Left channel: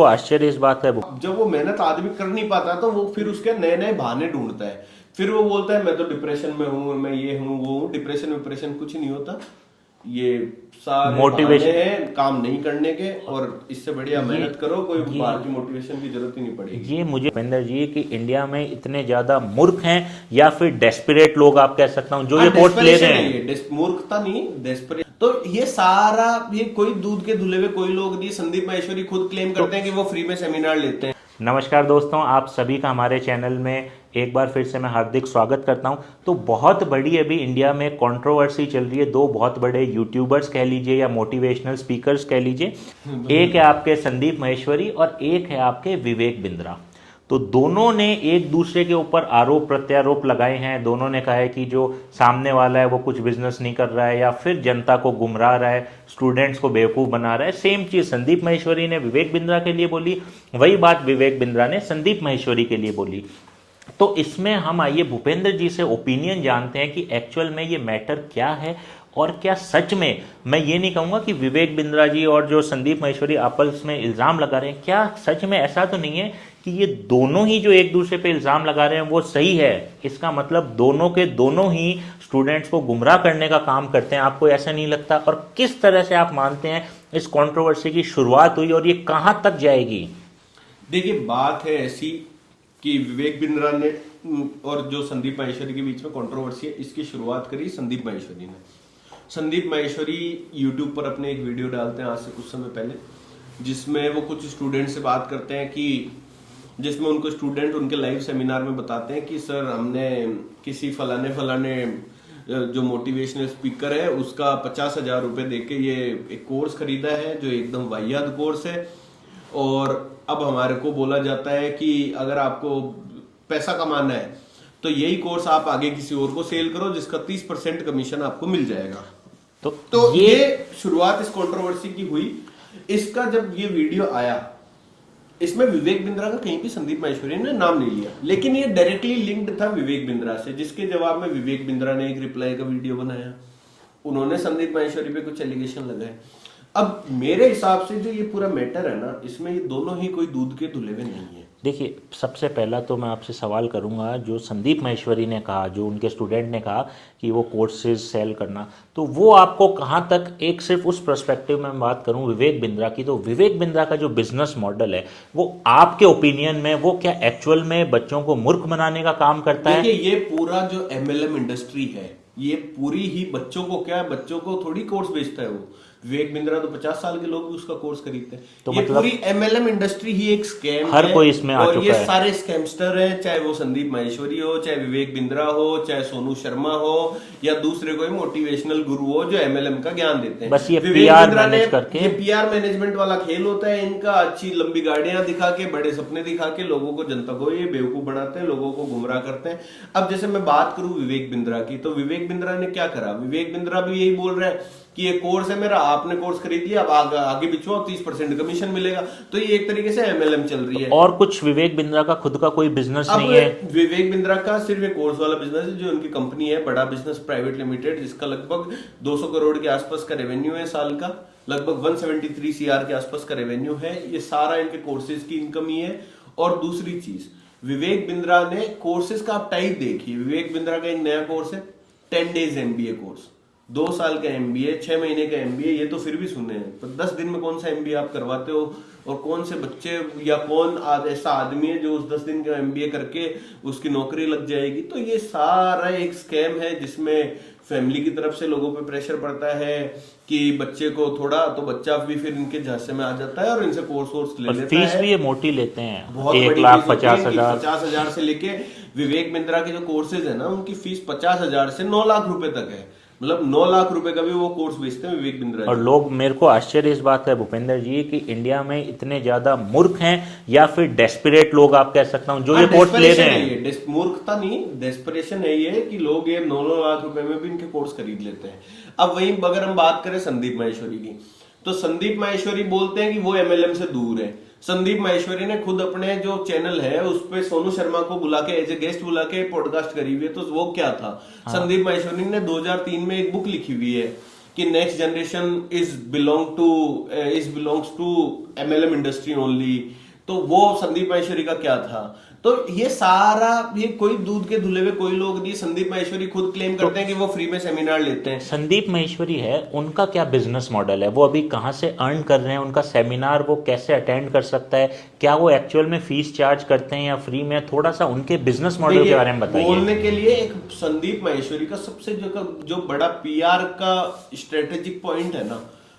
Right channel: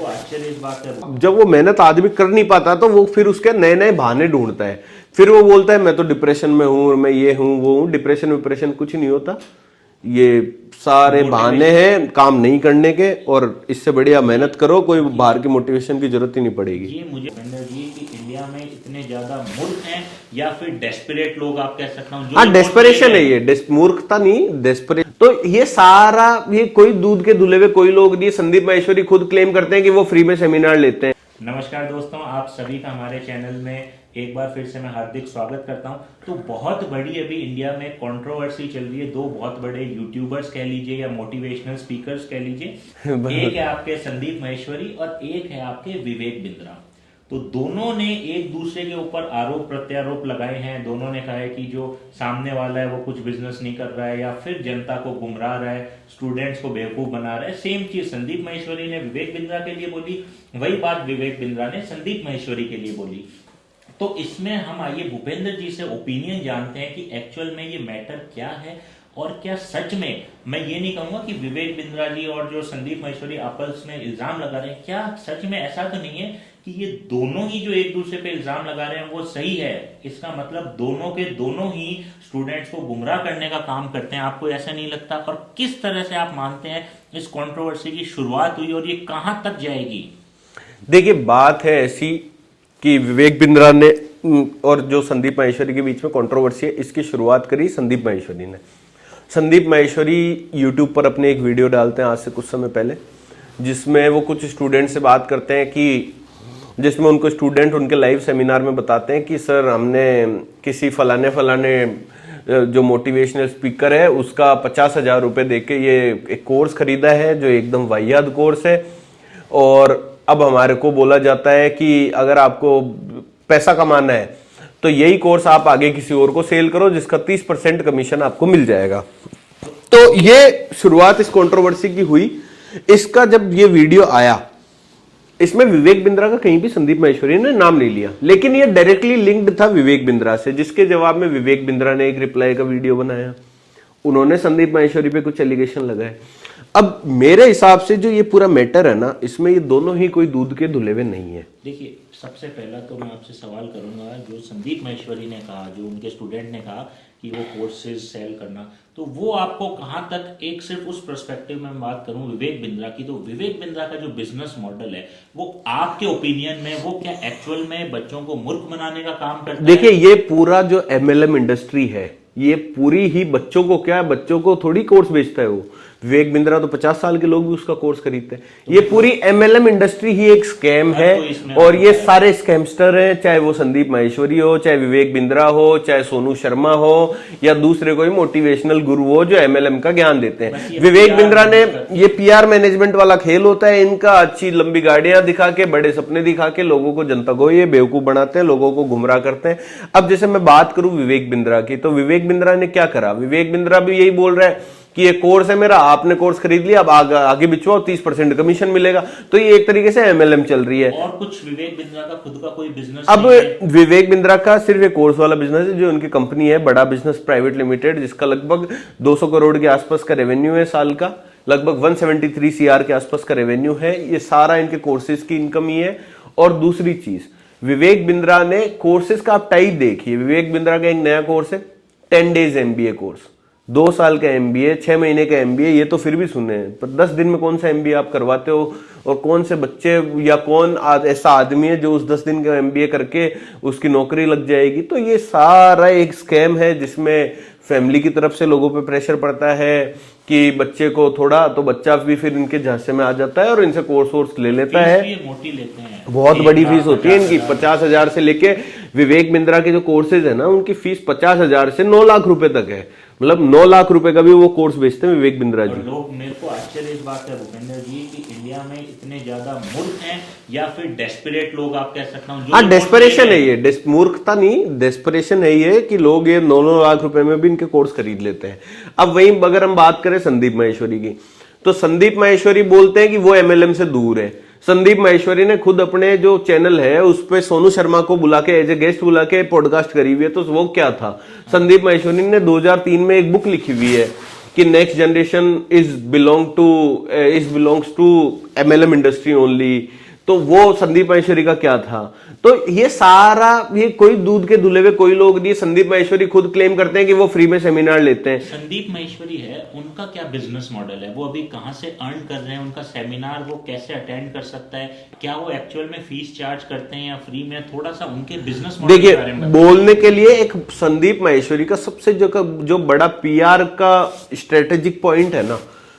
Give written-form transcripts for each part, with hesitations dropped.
तो आश्चर्य इस बात है, जब वो मेहनत आदमी कर नहीं पाता तो वो फिर उसके नए नए बहाने ढूंढता है। फिर वो बोलता है मैं तो डिप्रेशन में हूं, मैं ये हूं वो हूं। डिप्रेशन विप्रेशन कुछ नहीं होता, ये सारे बहाने हैं काम नहीं करने के। और इससे बढ़िया मेहनत करो, कोई बाहर की मोटिवेशन की जरूरत ही नहीं पड़ेगी। ये मुझे भूपेंद्र जी कि इंडिया में इतने ज्यादा मूर्ख हैं या फिर डेस्परेट लोग आप कह सकता हूं जो डेस्परेशन है ये, मूर्खता नहीं, डेस्परेट। तो ये सारा, ये कोई दूध के धुले हुए कोई लोग नहीं। संदीप माहेश्वरी खुद क्लेम करते हैं कि वो फ्री में सेमिनार लेते हैं। नमस्कार दोस्तों, आप सभी का हमारे चैनल में एक बार फिर से मैं हार्दिक स्वागत करता हूं। तो बहुत बड़ी अभी इंडिया में कंट्रोवर्सी चल रही है। दो बहुत बड़े यूट्यूबर्स कह लीजिए या मोटिवेशनल स्पीकर्स कह लीजिए, एक है आपके संदीप माहेश्वरी और एक है आपके विवेक बिंद्रा। तो दोनों ने एक दूसरे के ऊपर आरोप प्रत्यारोप लगाए हैं। दोनों ने कहा है कि जो सामने वाला है वो कुछ बिजनेस नहीं कर रहा है या फिर जनता को गुमराह रहा है, स्टूडेंट्स को बेवकूफ बना रहा है। सेम चीज संदीप माहेश्वरी ने विवेक बिंद्रा के लिए बोली, वही बात विवेक बिंद्रा ने संदीप माहेश्वरी के लिए बोली। तो इसमें हम आइए भूपेंद्र जी से ओपिनियन जानते हैं कि एक्चुअल में ये मैटर क्या है और क्या सच में, मैं ये नहीं कहूंगा कि विवेक बिंद्रा जी और जो संदीप माहेश्वरी आपस में इल्जाम लगा रहे हैं, क्या सच में ऐसा तो नहीं है कि ये दोनों ही जो एक दूसरे पे इल्जाम लगा रहे हैं वो सही है। इसका मतलब दोनों के दोनों ही स्टूडेंट्स को गुमराह करने का काम करते हैं। आपको ऐसा नहीं लगता? और किस तरह से आप मानते हैं इस कंट्रोवर्सी की शुरुआत हुई और ये कहां तक जाएगी? देखिए, बात है ऐसी कि विवेक बिंद्रा ने और जो संदीप माहेश्वरी के बीच में कंट्रोवर्सी है, इसकी शुरुआत करी संदीप माहेश्वरी ने। संदीप माहेश्वरी यूट्यूब पर अपने एक वीडियो डालते हैं आज से कुछ समय पहले, जिसमें वो कुछ स्टूडेंट से बात करते हैं कि जिसमें उनको स्टूडेंट उनके लाइव सेमिनार में बताते हैं कि सर हमने किसी फलाने जो मोटिवेशनल स्पीकर है उसका 50,000 रुपये दे के ये एक कोर्स खरीदा है जो एकदम वाहियात कोर्स है। और अब हमारे को बोला जाता है कि अगर आपको पैसा कमाना है तो यही कोर्स आप आगे किसी और को सेल करो जिसका 30% कमीशन आपको मिल जाएगा। तो ये शुरुआत इस कंट्रोवर्सी की हुई। इसका जब ये वीडियो आया, इसमें विवेक बिंद्रा का कहीं भी संदीप माहेश्वरी ने नाम नहीं लिया, लेकिन ये डायरेक्टली लिंक्ड था विवेक बिंद्रा से, जिसके जवाब में विवेक बिंद्रा ने एक रिप्लाई का वीडियो बनाया। उन्होंने संदीप माहेश्वरी पे कुछ एलिगेशन लगाए। अब मेरे हिसाब से जो ये पूरा मैटर है ना, इसमें ये दोनों ही कोई दूध के धुले हुए नहीं है। देखिए, सबसे पहला तो मैं आपसे सवाल करूंगा, जो संदीप माहेश्वरी ने कहा, जो उनके स्टूडेंट ने कहा कि वो कोर्सेज सेल करना, तो वो आपको कहाँ तक, एक सिर्फ उस पर्सपेक्टिव में मैं बात करूं विवेक बिंद्रा की, तो विवेक बिंद्रा का जो बिजनेस मॉडल है वो आपके ओपिनियन में वो क्या एक्चुअल में बच्चों को मूर्ख बनाने का काम करता है? देखिए, ये पूरा जो MLM इंडस्ट्री है, ये पूरी ही बच्चों को, क्या बच्चों को थोड़ी कोर्स बेचता है वो। विवेक बिंद्रा तो 50 साल के लोग भी उसका कोर्स खरीदते हैं। तो ये पूरी MLM इंडस्ट्री ही एक स्कैम है और ये सारे स्कैमस्टर हैं, चाहे वो संदीप माहेश्वरी हो, चाहे विवेक बिंद्रा हो, चाहे सोनू शर्मा हो या दूसरे कोई मोटिवेशनल गुरु हो जो MLM का ज्ञान देते हैं। विवेक बिंद्रा ने, ये PR मैनेजमेंट वाला खेल होता है इनका। अच्छी लंबी गाड़ियां दिखा के, बड़े सपने दिखा के लोगों को, जनता को ये बेवकूफ बनाते हैं, लोगों को गुमराह करते हैं। अब जैसे मैं बात करूं विवेक बिंद्रा की, तो विवेक बिंद्रा ने क्या करा? विवेक बिंद्रा भी यही बोल रहा है कि ये कोर्स है मेरा, आपने कोर्स खरीद लिया, अब आगे बिचवाओ, 30% कमीशन मिलेगा। तो ये एक तरीके से MLM चल रही है। और कुछ विवेक बिंद्रा का खुद का कोई बिजनेस अब नहीं है। विवेक बिंद्रा का सिर्फ एक कोर्स वाला बिजनेस है, जो उनकी कंपनी है बड़ा बिजनेस प्राइवेट लिमिटेड, जिसका लगभग 200 करोड़ के आसपास का रेवेन्यू है साल का, लगभग 173 CR के आसपास का रेवेन्यू है। ये सारा इनके कोर्सेज की इनकम ही है। और दूसरी चीज, विवेक बिंद्रा ने कोर्सेज का आप टाइप देखिए। विवेक बिंद्रा का एक नया कोर्स है 10 डेज MBA कोर्स, 2 साल का MBA, 6 महीने का MBA, ये तो फिर भी सुने हैं, पर 10 दिन में कौन सा MBA आप करवाते हो? और कौन से बच्चे या कौन ऐसा आदमी है जो उस 10 दिन का MBA करके उसकी नौकरी लग जाएगी? तो ये सारा एक स्कैम है जिसमें फैमिली की तरफ से लोगों पे प्रेशर पड़ता है कि बच्चे को थोड़ा, तो बच्चा भी फिर इनके झांसे में आ जाता है और इनसे कोर्स ले लेता है। ये मोटी लेते हैं, बहुत बड़ी फीस होती है इनकी, 50,000 से लेके विवेक बिंद्रा के जो कोर्सेज है ना, उनकी फीस 50,000 से 9 लाख रुपए तक है। मतलब 9 लाख रुपए का भी वो कोर्स बेचते हैं विवेक बिंद्रा जी। और लोग, मेरे को आश्चर्य इस बात है भूपेंद्र जी कि इंडिया में इतने ज्यादा मूर्ख हैं या फिर डेस्परेट लोग आप कह सकता हूं जो डेस्परेशन है ये, मूर्खता नहीं, डेस्परेशन है ये कि लोग ये 9 लाख रुपए में भी इनके कोर्स खरीद लेते हैं। अब वहीं अगर हम बात करें संदीप माहेश्वरी की, तो संदीप माहेश्वरी बोलते हैं कि वो MLM से दूर है। संदीप माहेश्वरी ने खुद अपने जो चैनल है उस पे सोनू शर्मा को बुला के एज ए गेस्ट बुला के पॉडकास्ट करी हुई है। तो वो क्या था? संदीप माहेश्वरी ने 2003 में एक बुक लिखी हुई है कि next generation belongs to MLM industry only, तो वो संदीप माहेश्वरी का क्या था। तो ये सारा, ये कोई दूध के धुले हुए कोई लोग नहीं, संदीप माहेश्वरी खुद क्लेम करते हैं कि वो फ्री में सेमिनार लेते हैं। संदीप माहेश्वरी है, उनका क्या बिजनेस मॉडल है, वो अभी कहाँ से अर्न कर रहे हैं, उनका सेमिनार वो कैसे अटेंड कर सकता है, क्या वो एक्चुअल में फीस चार्ज करते हैं या फ्री में, थोड़ा सा उनके बिजनेस मॉडल के बारे में बताइए। बोलने के लिए एक संदीप माहेश्वरी का सबसे जो बड़ा PR का स्ट्रेटेजिक पॉइंट है ना,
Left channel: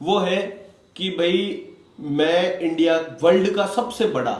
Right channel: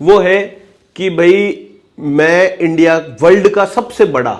वो है कि भाई मैं इंडिया वर्ल्ड का सबसे बड़ा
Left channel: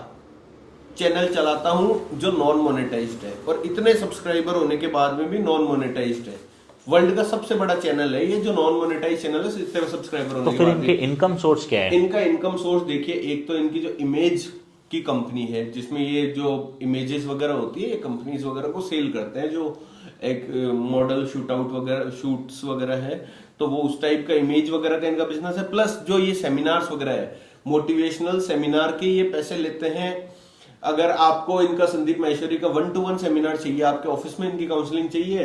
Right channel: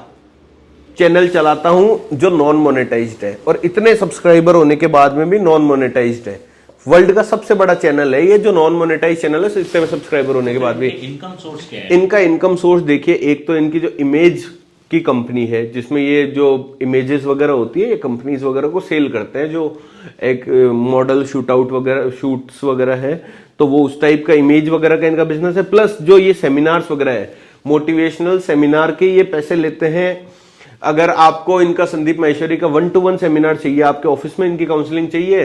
चैनल चलाता हूं जो नॉन मोनेटाइज्ड है, और इतने सब्सक्राइबर होने के बाद में भी नॉन मोनेटाइज्ड है। वर्ल्ड का सबसे बड़ा चैनल है ये जो नॉन मोनेटाइज चैनल है, इतने सब्सक्राइबर होने के बाद भी। इनकम सोर्स क्या है इनका इनकम सोर्स देखिए, एक तो इनकी जो इमेज की कंपनी है, जिसमें ये जो इमेजेस वगैरह होती है, ये कंपनीज वगैरह को सेल करते हैं, जो एक मॉडल शूट्स वगैरह है, तो वो उस टाइप का इमेज वगैरह का इनका बिजनेस है। प्लस जो ये सेमिनार्स वगैरह है, मोटिवेशनल सेमिनार के ये पैसे लेते हैं। अगर आपको इनका संदीप माहेश्वरी का 1-to-1 सेमिनार चाहिए, आपके ऑफिस में इनकी काउंसलिंग चाहिए,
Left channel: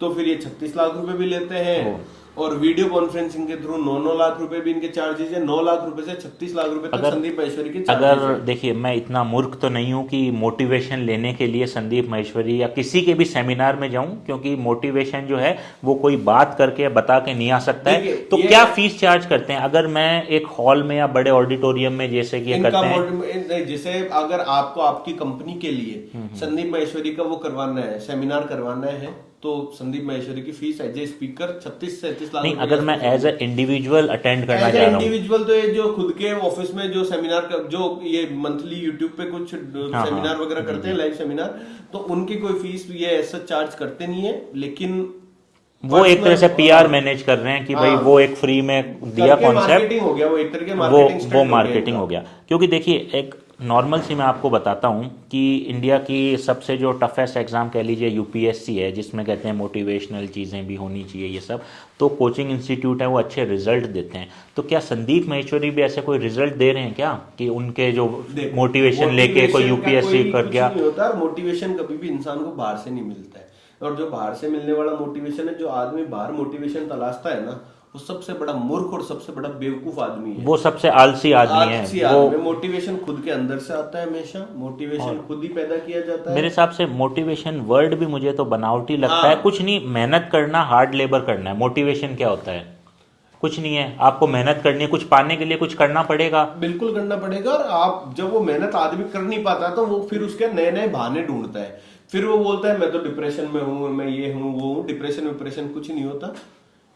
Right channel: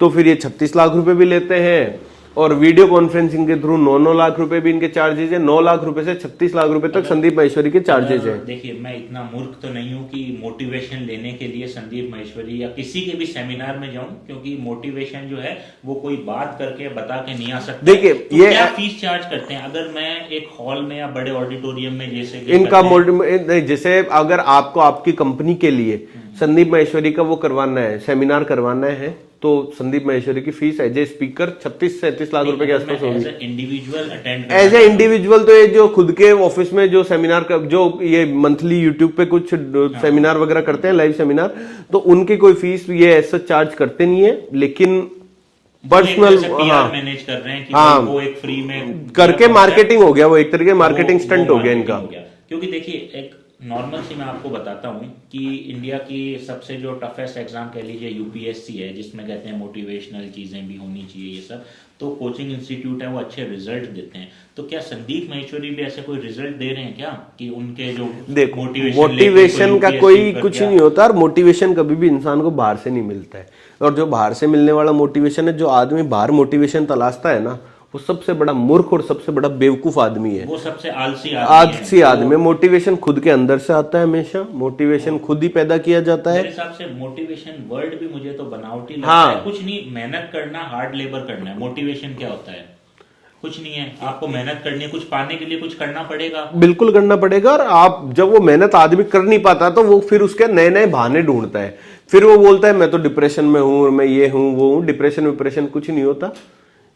तो फिर ये 36 लाख रुपए भी लेते हैं, और वीडियो कॉन्फ्रेंसिंग के थ्रू 9-9 लाख रुपए भी इनके चार्जेस है। 9 लाख रुपए से 36 लाख रुपए तक संदीप माहेश्वरी के चार्जेस है। देखिए, मैं इतना मूर्ख तो नहीं हूं कि मोटिवेशन लेने के लिए संदीप माहेश्वरी या किसी के भी सेमिनार में जाऊं, क्योंकि मोटिवेशन जो है वो कोई बात करके बता के नहीं आ सकता। देखिए, तो क्या फीस चार्ज करते हैं अगर मैं एक हॉल में या बड़े ऑडिटोरियम में, जैसे कि इनका जैसे अगर आपको आपकी कंपनी के लिए संदीप माहेश्वरी का वो करवाना है, सेमिनार करवाना है, तो संदीप माहेश्वरी की फीस एज ए स्पीकर 36 से 37 लाख रुपए के आसपास। एज ए इंडिविजुअल अटेंड करना, एज ए इंडिविजुअल तो ये जो खुद के ऑफिस में जो सेमिनार का, जो ये मंथली यूट्यूब पे कुछ सेमिनार वगैरह करते हैं, लाइव सेमिनार, तो उनकी कोई फीस ये ऐसा चार्ज करते नहीं है, लेकिन वो एक तरह से PR मैनेज कर रहे हैं कि भाई वो एक फ्री में करके मार्केटिंग हो गया, वो एक तरीके मार्केटिंग स्टंट हो गया। क्योंकि देखिए, एक नॉर्मल सी मैं आपको बताता हूं कि इंडिया की सबसे जो टफेस्ट एग्जाम कह लीजिए UPSC है, जिसमें कहते हैं मोटिवेशनल चीजें भी होनी चाहिए, ये सब तो कोचिंग इंस्टीट्यूट है वो अच्छे रिजल्ट देते हैं। तो क्या संदीप माहेश्वरी भी ऐसे कोई रिजल्ट दे रहे हैं क्या कि उनके जो मोटिवेशन का कोई कुछ नहीं होता, और मोटिवेशन कभी भी इंसान को बाहर से नहीं मिलता है, और जो बाहर से मिलने वाला मोटिवेशन है, जो आदमी बाहर मोटिवेशन तलाशता है ना, वो सबसे बड़ा मूर्ख और सबसे बड़ा बेवकूफ आदमी है, वो सबसे आलसी आदमी है। मोटिवेशन खुद के अंदर से आता है, हमेशा मोटिवेशन खुद ही पैदा किया जाता है। मेरे हिसाब से मोटिवेशन वर्ड भी मुझे तो बनावटी लगता है। कुछ नहीं, मेहनत करना, हार्ड लेबर करना है। मोटिवेशन क्या होता है? कुछ नहीं है, आपको मेहनत करनी है, कुछ पाने के लिए कुछ करना पड़ेगा, बिल्कुल करना पड़ेगा। और आप जब वो मेहनत आदमी कर नहीं पाता, तो वो फिर उसके नए नए बहाने ढूंढता है, फिर वो बोलता है मैं तो डिप्रेशन में हूं, मैं ये हूं वो हूं। डिप्रेशन कुछ नहीं होता,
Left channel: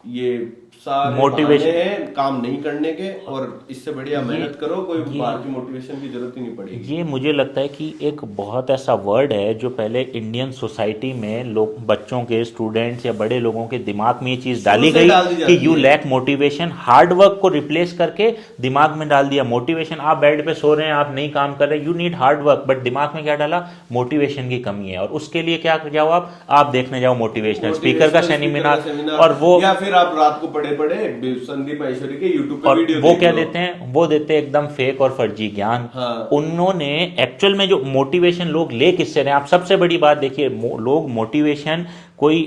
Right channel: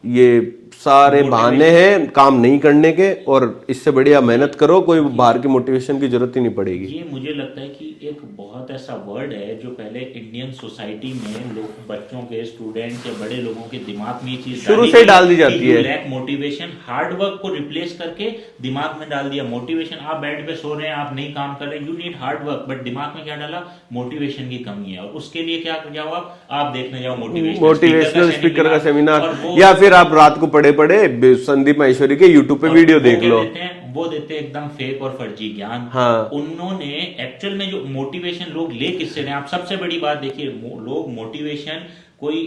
ये सारे बहाने हैं काम नहीं करने के, और इससे बढ़िया मेहनत करो, कोई बाहर की मोटिवेशन की जरूरत ही नहीं पड़ेगी। ये मुझे लगता है कि एक बहुत ऐसा वर्ड है जो पहले इंडियन सोसाइटी में लोग, बच्चों के, स्टूडेंट्स या बड़े लोगों के दिमाग में ये चीज डाल दी गई कि you lack motivation. Hard work को रिप्लेस करके दिमाग में डाल दिया मोटिवेशन। आप बेड पे सो रहे हैं, आप नहीं काम कर रहे, you need hard work, but दिमाग में क्या डाला? मोटिवेशन की कमी है। और उसके लिए क्या जाओ, आप देखने जाओ मोटिवेशनल स्पीकर का सेमिनार, और वो, या फिर आप रात को पड़े संदीप माहेश्वरी के यूट्यूब पे वीडियो देख लो। क्या देते हैं? वो देते हैं एकदम फेक और फर्जी ज्ञान। हाँ। उन्होंने एक्चुअल में जो मोटिवेशन लोग ले किससे रहे हैं? आप सबसे बड़ी बात देखिए, लोग मोटिवेशन कोई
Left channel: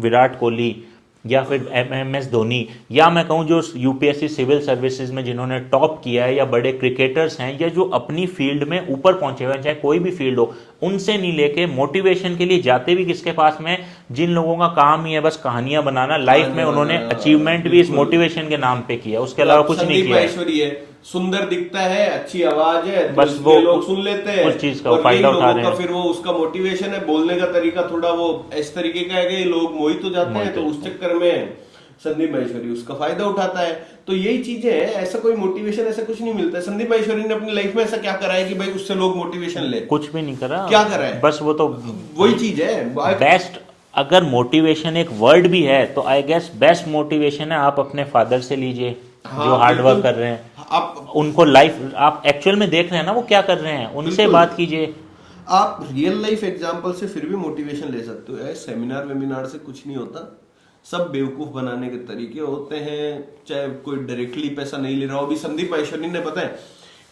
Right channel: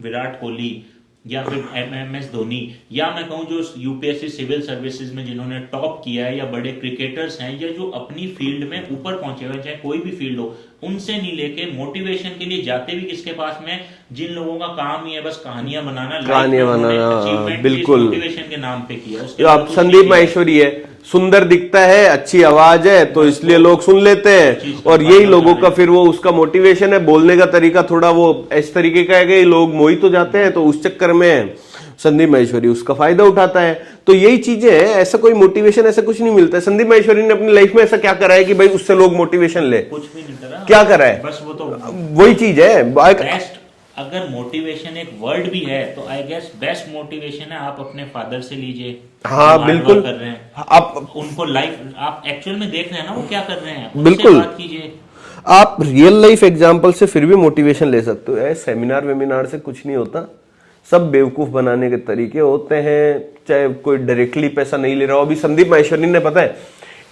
विराट कोहली या फिर MS धोनी, या मैं कहूं जो UPSC सिविल सर्विसेज में जिन्होंने टॉप किया है, या बड़े क्रिकेटर्स हैं, या जो अपनी फील्ड में ऊपर पहुंचे हुए हैं, चाहे कोई भी फील्ड हो, उनसे नहीं लेके मोटिवेशन के लिए जाते भी किसके पास में? जिन लोगों का काम ही है बस कहानियां बनाना, लाइफ में उन्होंने अचीवमेंट भी इस मोटिवेशन के नाम पे किया। उसके अलावा कुछ नहीं। संदीप माहेश्वरी है, सुंदर दिखता है, अच्छी आवाज है, तो इसलिए लोग सुन लेते हैं, और यही लोगों का फिर वो उसका मोटिवेशन है। बोलने का तरीका थोड़ा वो इस तरीके का है कि लोग मोहित हो जाते हैं, तो उस चक्कर में संदीप माहेश्वरी उसका फायदा उठाता है। तो यही चीजें हैं, ऐसा कोई मोटिवेशन ऐसा कुछ नहीं मिलता है। संदीप माहेश्वरी ने अपनी लाइफ में ऐसा क्या करा है कि भाई उससे लोग मोटिवेशन ले? कुछ भी नहीं करा। क्या करा है? बस वो तो वही चीज है बेस्ट। अगर मोटिवेशन एक वर्ड भी है, तो आई गेस बेस्ट मोटिवेशन है आप अपने फादर से लीजिए। हाँ, बिल्कुल कर रहे हैं आप उनको लाइफ, आप एक्चुअल में देख रहे हैं ना वो क्या कर रहे हैं, उनसे बात कीजिए। आप रियल लाइफ एग्जांपल से फिर भी मोटिवेशन ले सकते हो। सेमिनार वेमिनार से कुछ नहीं होता, सब बेवकूफ बनाने के तरीके होते हैं, चाहे कोई डायरेक्टली पैसा नहीं ले रहा हो। अभी संदीप माहेश्वरी ने पता है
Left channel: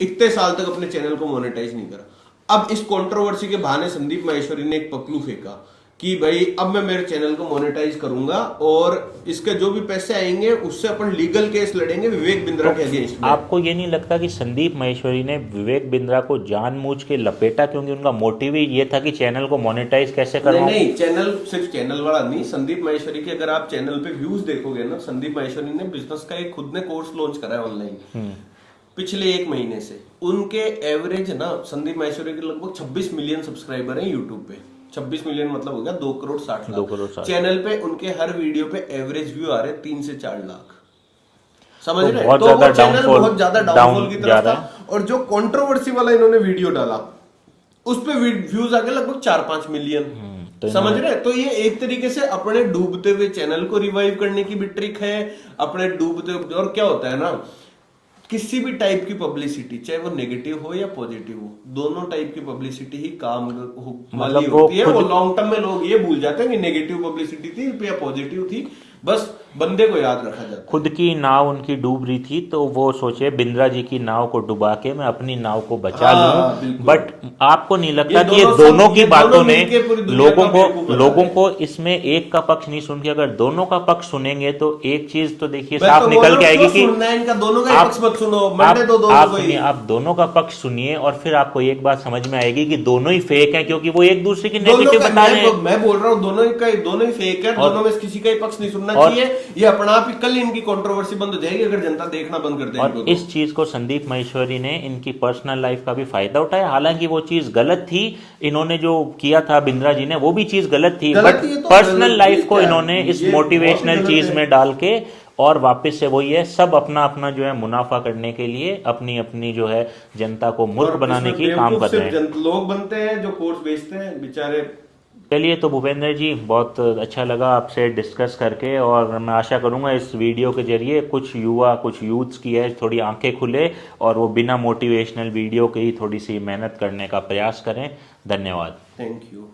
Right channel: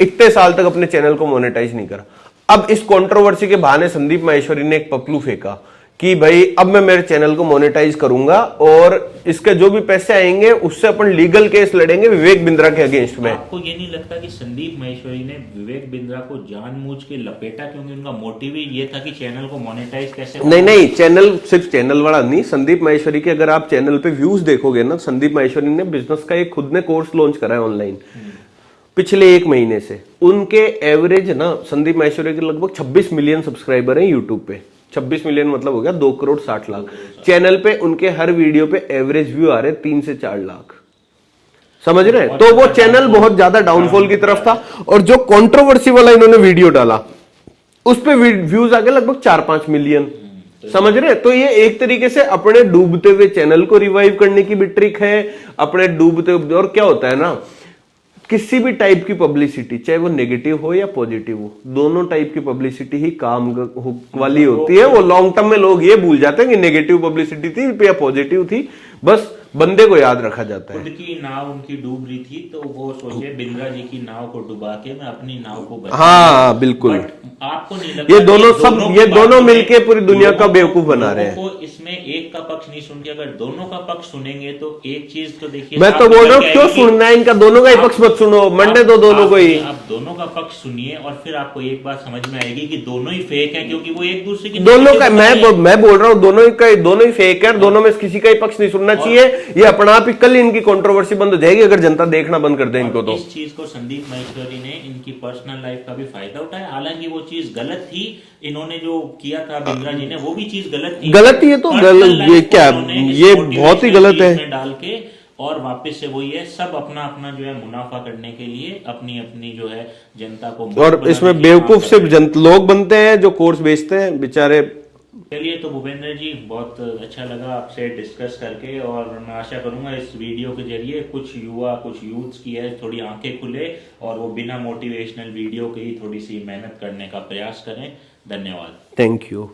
इतने साल तक अपने चैनल को मोनेटाइज नहीं करा। अब इस कंट्रोवर्सी के बहाने संदीप माहेश्वरी ने एक पपलू फेंका कि भाई अब मैं मेरे चैनल को मोनेटाइज करूंगा और इसके जो भी पैसे आएंगे उससे अपन लीगल केस लड़ेंगे विवेक बिंद्रा के अगेंस्ट में। आपको ये नहीं लगता कि संदीप माहेश्वरी ने विवेक बिंद्रा को जानबूझ के लपेटा, क्योंकि उनका मोटिव ही ये था कि चैनल को मोनेटाइज कैसे नहीं नहीं, चैनल सिर्फ चैनल वाला नहीं, संदीप माहेश्वरी के अगर आप चैनल पे व्यूज देखोगे ना, संदीप माहेश्वरी ने बिजनेस का एक खुद ने कोर्स लॉन्च करा है ऑनलाइन पिछले 1 महीने से। उनके एवरेज ना, संदीप माहेश्वरी के लगभग 26 मिलियन सब्सक्राइबर हैं यूट्यूब पे। 26 मिलियन मतलब हो गया 2 करोड़ 60 लाख। चैनल पे उनके हर वीडियो पे एवरेज व्यू आ रहे 3 से 4 लाख, समझ रहे हैं? तो वो चैनल बहुत ज्यादा डाउनफॉल की तरफ था। और जो कंट्रोवर्सी वाला इन्होंने वीडियो डाला उस पे व्यूज आ गए लगभग 4-5 मिलियन, समझ रहे हैं? तो ये एक तरीके से अपने डूबते हुए चैनल को रिवाइव करने की भी ट्रिक है, अपने डूबते। और क्या होता है ना, किसी भी टाइप की पब्लिसिटी, चाहे वो नेगेटिव हो या पॉजिटिव हो, दोनों टाइप की पब्लिसिटी ही काम वाली होती है। वो लॉन्ग टर्म में लोग ये भूल जाते हैं कि नेगेटिव पब्लिसिटी थी या पॉजिटिव थी, बस बंदे को याद रखा जाता है। खुद की नाव उनकी डूब रही थी तो वो सोचे बिंद्रा जी की नाव को डुबा के मैं अपनी नाव को बचा हाँ, बिल्कुल। बट आपको नहीं लगता ये दोनों मिलके पूरी दुनिया का बेवकूफ बना रहे हैं। लोगों को इसमें एक का पक्ष नहीं सुन के, अगर दोनों का पक्ष सुनेंगे तो एक चीज तो देखिए, मैं तो बोल रहा हूँ क्यों सुनना है इनका, दोनों का ही पक्ष मत सुनो, मंडे दो दोनों को ही। आप दोनों का पक्ष सुनिए और फिर आपको एक बात समझ में आएगी कि दोनों ही फेक है, क्योंकि वो एक दूसरे की दोनों का, मैं बोल रहा हूँ दोनों ही फेक है, दोनों में किसी का ही पक्ष नहीं सुनना चाहिए। ये अपना आप ही कल इनकी कंट्रोवर्सी बंद हो जाएगी अगर जनता देखना बंद कर दे इनको। तो इस चीज को संदीप माहेश्वरी ने इनकी पर्सनल लाइफ का भी फायदा उठाया, हालांकि वो चीज गलत थी। इन्होंने जो किया था बिंद्रा जी ने वो भी चीज गलत थी, है तो पर्सनल लाइफ को इन्होंने ये बहुत ही गलत है में डाल के और वापस से वही है, सब अपना अपना जो है मुनाफा करने के लिए अपनी अपनी जो है जनता को, और इसमें बेवकूफ सिर्फ लोग बनते हैं जो कोर्स बेचते हैं बेचारे। चलिए, तो भूपेंद्र जी बहुत अच्छा लगा आपसे डिस्कस करके, और मैं आशा करूंगा इस वीडियो के जरिए कुछ यूथ्स की है थोड़ी आंखें खुले और वो बिना मोटिवेशनल वीडियो के ही थोड़ी सी मेहनत करने का प्रयास करें। धन्यवाद। Thank you.